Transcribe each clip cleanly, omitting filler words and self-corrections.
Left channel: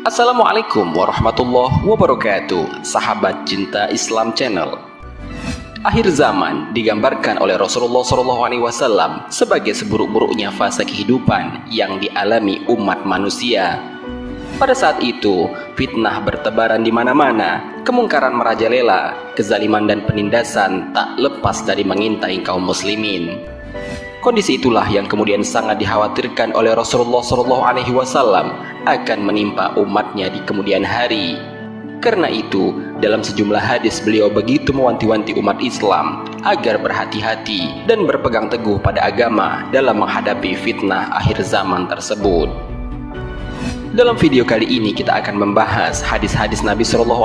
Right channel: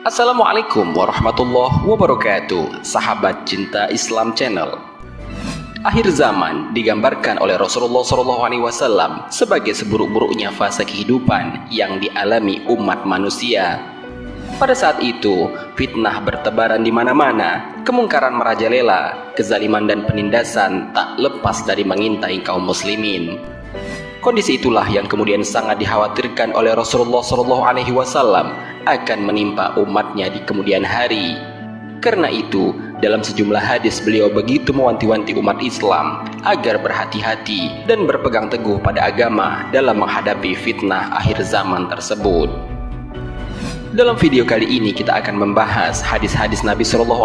Assalamualaikum warahmatullahi wabarakatuh, sahabat cinta Islam Channel. Akhir zaman digambarkan oleh Rasulullah SAW sebagai seburuk-buruknya fase kehidupan yang dialami umat manusia. Pada saat itu, fitnah bertebaran di mana-mana, kemungkaran merajalela, kezaliman dan penindasan tak lepas dari mengintai kaum muslimin. Kondisi itulah yang kemudian sangat dikhawatirkan oleh Rasulullah SAW akan menimpa umatnya di kemudian hari. Karena itu, dalam sejumlah hadis beliau begitu mewanti-wanti umat Islam agar berhati-hati dan berpegang teguh pada agama dalam menghadapi fitnah akhir zaman tersebut. Dalam video kali ini kita akan membahas hadis-hadis Nabi SAW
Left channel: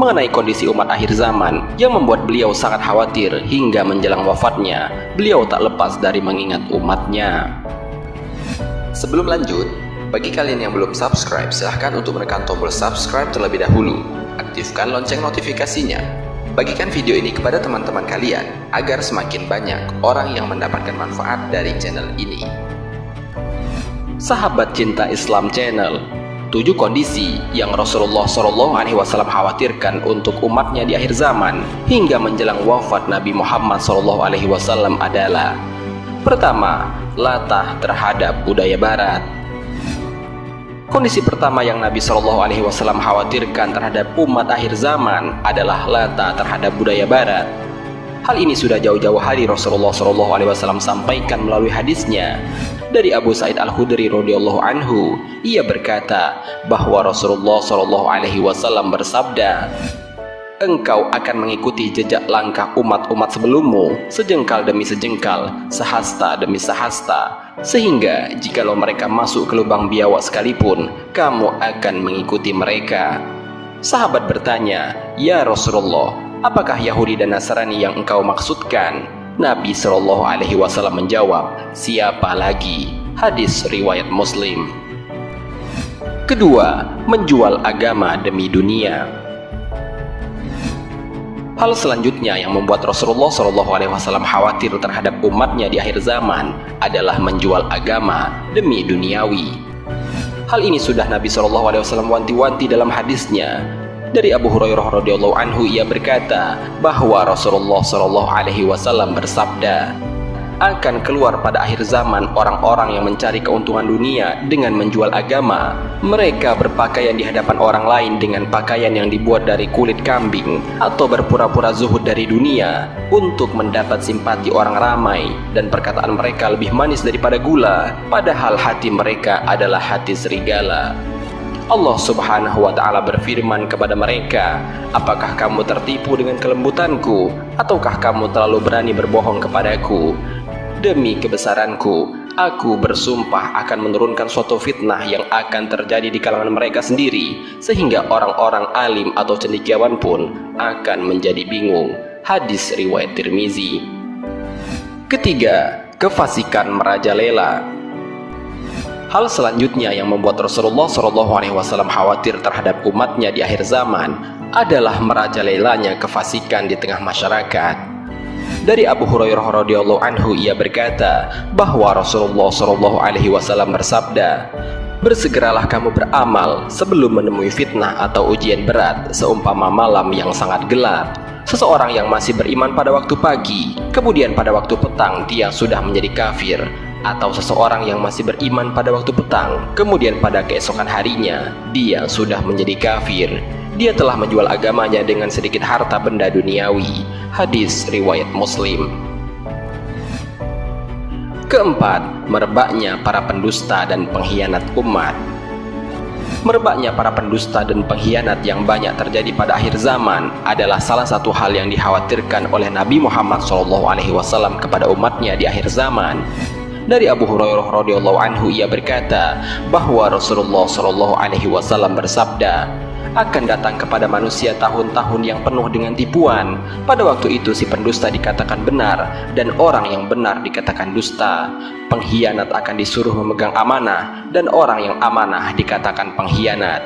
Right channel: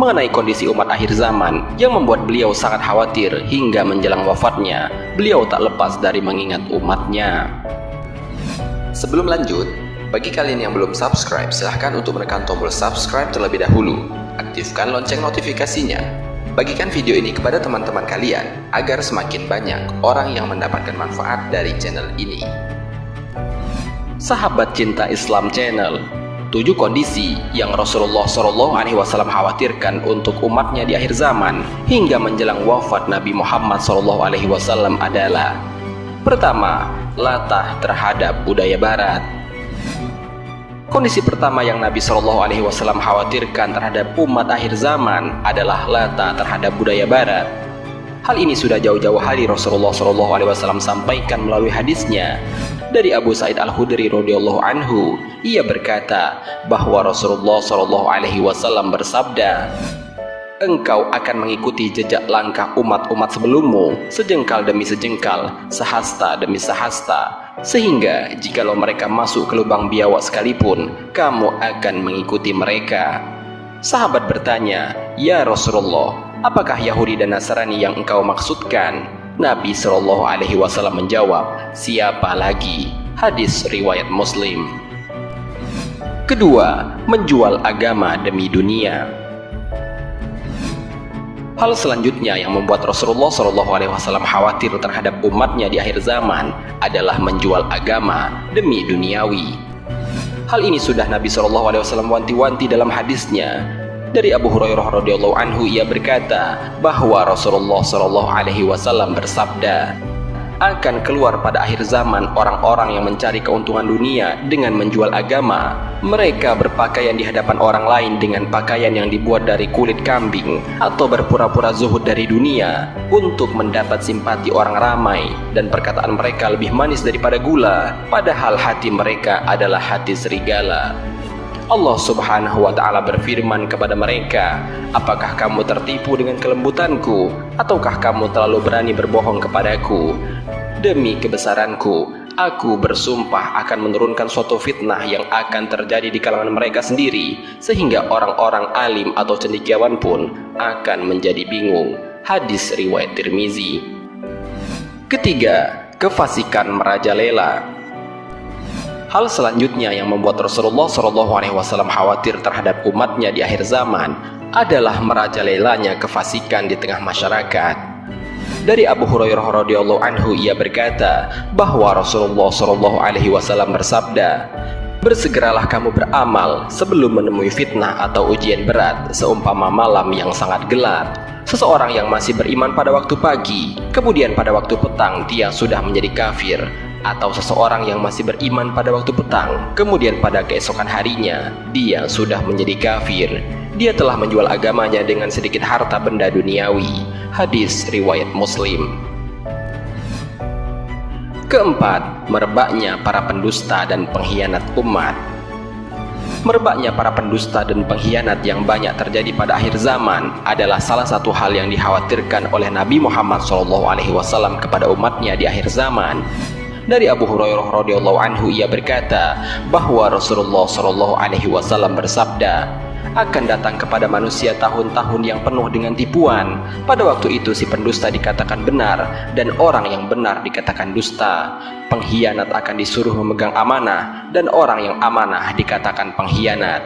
mengenai kondisi umat akhir zaman yang membuat beliau sangat khawatir hingga menjelang wafatnya. Beliau tak lepas dari mengingat umatnya. Sebelum lanjut, bagi kalian yang belum subscribe, silahkan untuk menekan tombol subscribe terlebih dahulu. Aktifkan lonceng notifikasinya. Bagikan video ini kepada teman-teman kalian agar semakin banyak orang yang mendapatkan manfaat dari channel ini. Sahabat cinta Islam Channel, 7 kondisi yang Rasulullah SAW khawatirkan untuk umatnya di akhir zaman hingga menjelang wafat Nabi Muhammad SAW adalah: pertama, latah terhadap budaya barat. Kondisi pertama yang Nabi SAW khawatirkan terhadap umat akhir zaman adalah latah terhadap budaya barat. Hal ini sudah jauh-jauh hari Rasulullah SAW sampaikan melalui hadisnya. Dari Abu Sa'id Al-Khudri radhiyallahu anhu, ia berkata bahwa Rasulullah SAW bersabda, "Engkau akan mengikuti jejak langkah umat-umat sebelummu, sejengkal demi sejengkal, sehasta demi sehasta, sehingga jikalau mereka masuk ke lubang biawak sekalipun, kamu akan mengikuti mereka." Sahabat bertanya, "Ya Rasulullah, apakah Yahudi dan Nasrani yang engkau maksudkan?" Nabi SAW menjawab, "Siapa lagi?" Hadis riwayat Muslim. Kedua, menjual agama demi dunia. Hal selanjutnya yang membuat Rasulullah SAW khawatir terhadap umatnya di akhir zaman adalah menjual agama demi duniawi. Hal ini sudah Nabi SAW wanti-wanti dalam hadisnya. Dari Abu Hurairah radhiyallahu anhu, ia berkata bahwa Rasulullah SAW bersabda, "Akan keluar pada akhir zaman orang-orang yang mencari keuntungan dunia dengan menjual agama. Mereka berpakaian di hadapan orang lain dengan pakaian yang dibuat dari kulit kambing, atau berpura-pura zuhud dari dunia untuk mendapat simpati orang ramai, dan perkataan mereka lebih manis daripada gula, padahal hati mereka adalah hati serigala." Allah Subhanahu wa Ta'ala berfirman kepada mereka, "Apakah kamu tertipu dengan kelembutanku, ataukah kamu terlalu berani berbohong kepadaku? Demi kebesaranku, aku bersumpah akan menurunkan suatu fitnah yang akan terjadi di kalangan mereka sendiri, sehingga orang-orang alim atau cendekiawan pun akan menjadi bingung." Hadis riwayat Tirmizi. Ketiga, kefasikan merajalela. Hal selanjutnya yang membuat Rasulullah SAW khawatir terhadap umatnya di akhir zaman adalah merajalelanya kefasikan di tengah masyarakat. Dari Abu Hurairah radhiyallahu anhu, ia berkata bahwa Rasulullah SAW bersabda, "Bersegeralah kamu beramal sebelum menemui fitnah atau ujian berat, seumpama malam yang sangat gelap. Seseorang yang masih beriman pada waktu pagi, kemudian pada waktu petang dia sudah menjadi kafir. Atau seseorang yang masih beriman pada waktu petang, kemudian pada keesokan harinya dia sudah menjadi kafir. Dia telah menjual agamanya dengan sedikit harta benda duniawi." Hadis riwayat Muslim. Keempat, merebaknya para pendusta dan pengkhianat umat. Merebaknya para pendusta dan pengkhianat yang banyak terjadi pada akhir zaman adalah salah satu hal yang dikhawatirkan oleh Nabi Muhammad SAW kepada umatnya di akhir zaman. Dari Abu Hurairah radhiyallahu anhu, ia berkata bahwa Rasulullah SAW bersabda, "Akan datang kepada manusia tahun-tahun yang penuh dengan tipuan. Pada waktu itu si pendusta dikatakan benar dan orang yang benar dikatakan dusta. Pengkhianat akan disuruh memegang amanah dan orang yang amanah dikatakan pengkhianat.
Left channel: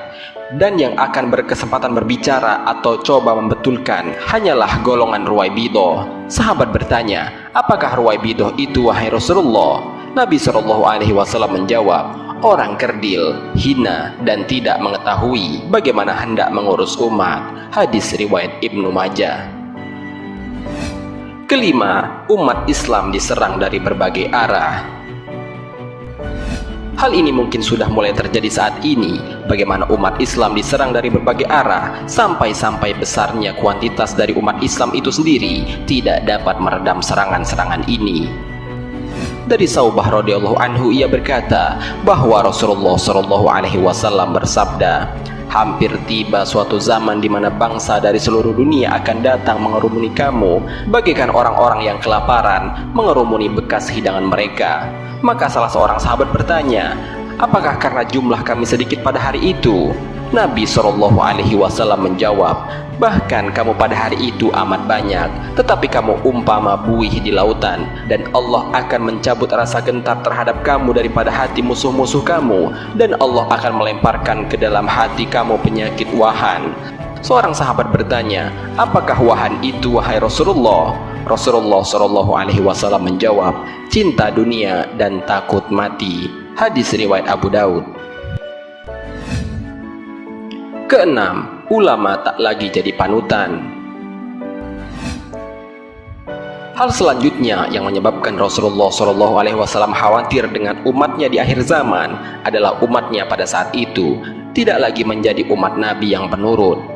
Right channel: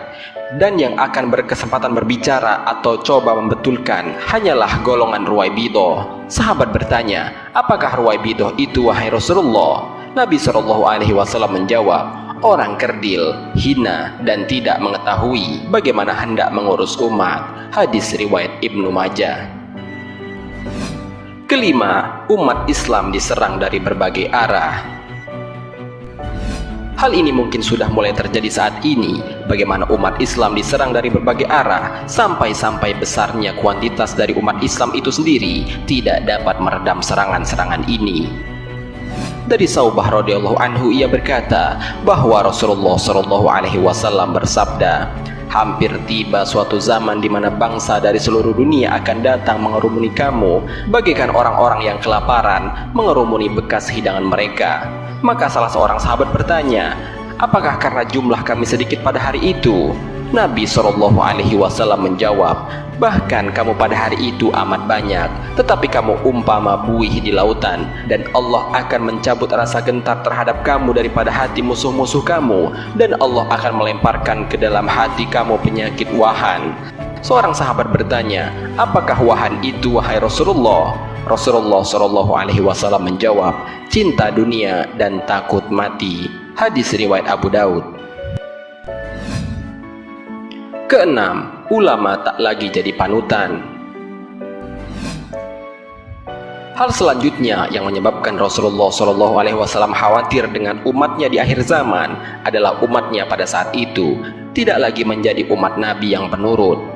Dan yang akan berkesempatan berbicara atau coba membetulkan hanyalah golongan Ruwaibidah." Sahabat bertanya, "Apakah Ruwaibidah itu wahai Rasulullah?" Nabi SAW menjawab, orang kerdil, hina, dan tidak mengetahui bagaimana hendak mengurus umat. Hadis riwayat Ibnu Majah. Kelima, umat Islam diserang dari berbagai arah. Hal ini mungkin sudah mulai terjadi saat ini, bagaimana umat Islam diserang dari berbagai arah, sampai-sampai besarnya kuantitas dari umat Islam itu sendiri tidak dapat meredam serangan-serangan ini. Dari Saubah radhiyallahu anhu, ia berkata bahwa Rasulullah shallallahu alaihi wasallam bersabda, hampir tiba suatu zaman di mana bangsa dari seluruh dunia akan datang mengerumuni kamu, bagaikan orang-orang yang kelaparan mengerumuni bekas hidangan mereka. Maka salah seorang sahabat bertanya, apakah karena jumlah kami sedikit pada hari itu? Nabi Shallallahu Alaihi Wasallam menjawab, bahkan kamu pada hari itu amat banyak, tetapi kamu umpama buih di lautan, dan Allah akan mencabut rasa gentar terhadap kamu daripada hati musuh-musuh kamu, dan Allah akan melemparkan ke dalam hati kamu penyakit wahan. Seorang sahabat bertanya, apakah wahan itu wahai Rasulullah? Rasulullah Shallallahu Alaihi Wasallam menjawab, cinta dunia dan takut mati. Hadis riwayat Abu Daud. Keenam, ulama tak lagi jadi panutan. Hal selanjutnya yang menyebabkan Rasulullah Shallallahu Alaihi Wasallam khawatir dengan umatnya di akhir zaman adalah umatnya pada saat itu tidak lagi menjadi umat Nabi yang penurut.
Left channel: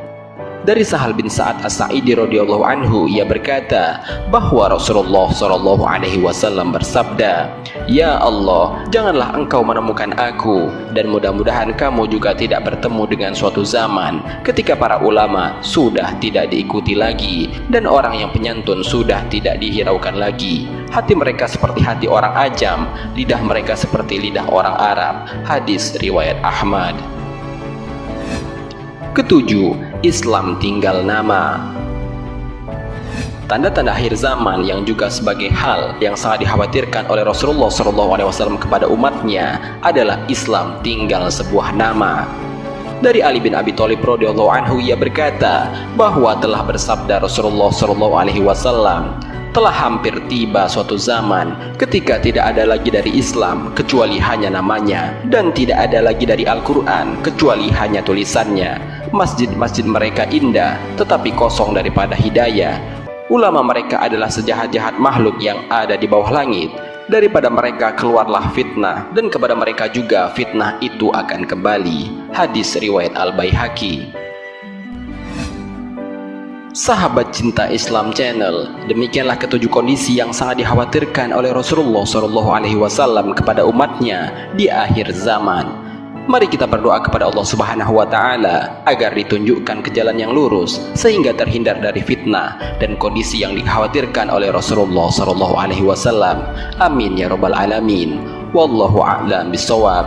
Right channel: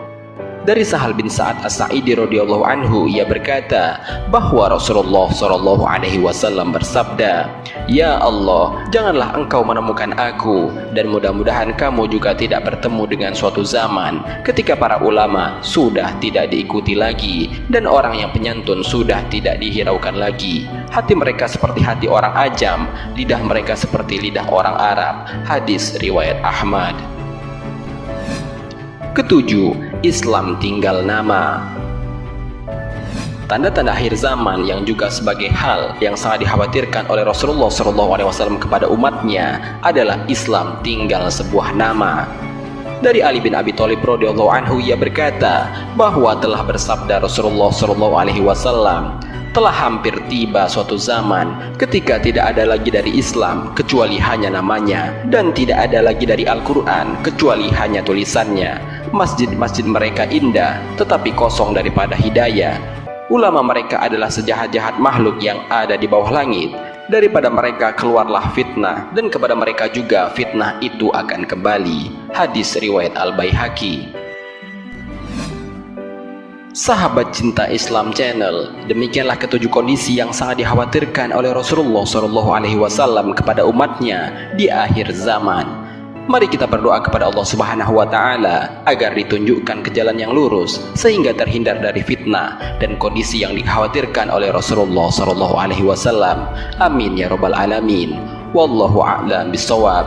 Dari Sahal bin Sa'ad As-Sa'idi radhiyallahu anhu, ia berkata bahwa Rasulullah Shallallahu Alaihi Wasallam bersabda, ya Allah, janganlah engkau menemukan aku, dan mudah-mudahan kamu juga tidak bertemu dengan suatu zaman ketika para ulama sudah tidak diikuti lagi, dan orang yang penyantun sudah tidak dihiraukan lagi. Hati mereka seperti hati orang ajam, lidah mereka seperti lidah orang Arab. Hadis riwayat Ahmad. Ketujuh, Islam tinggal nama. Tanda-tanda akhir zaman yang juga sebagai hal yang sangat dikhawatirkan oleh Rasulullah SAW kepada umatnya adalah Islam tinggal sebuah nama. Dari Ali bin Abi Thalib radhiyallahu anhu, ia berkata bahwa telah bersabda Rasulullah SAW, telah hampir tiba suatu zaman ketika tidak ada lagi dari Islam kecuali hanya namanya, dan tidak ada lagi dari Al-Quran kecuali hanya tulisannya. Masjid-masjid mereka indah tetapi kosong daripada hidayah. Ulama mereka adalah sejahat-jahat makhluk yang ada di bawah langit. Daripada mereka keluarlah fitnah, dan kepada mereka juga fitnah itu akan kembali. Hadis riwayat Al-Baihaqi. Sahabat Cinta Islam Channel, demikianlah ketujuh kondisi yang sangat dikhawatirkan oleh Rasulullah SAW kepada umatnya di akhir zaman. Mari kita berdoa kepada Allah Subhanahu wa Ta'ala agar ditunjukkan ke jalan yang lurus sehingga terhindar dari fitnah dan kondisi yang dikhawatirkan oleh Rasulullah SAW. Amin ya rabbal alamin. Wallahu a'lam bishawab.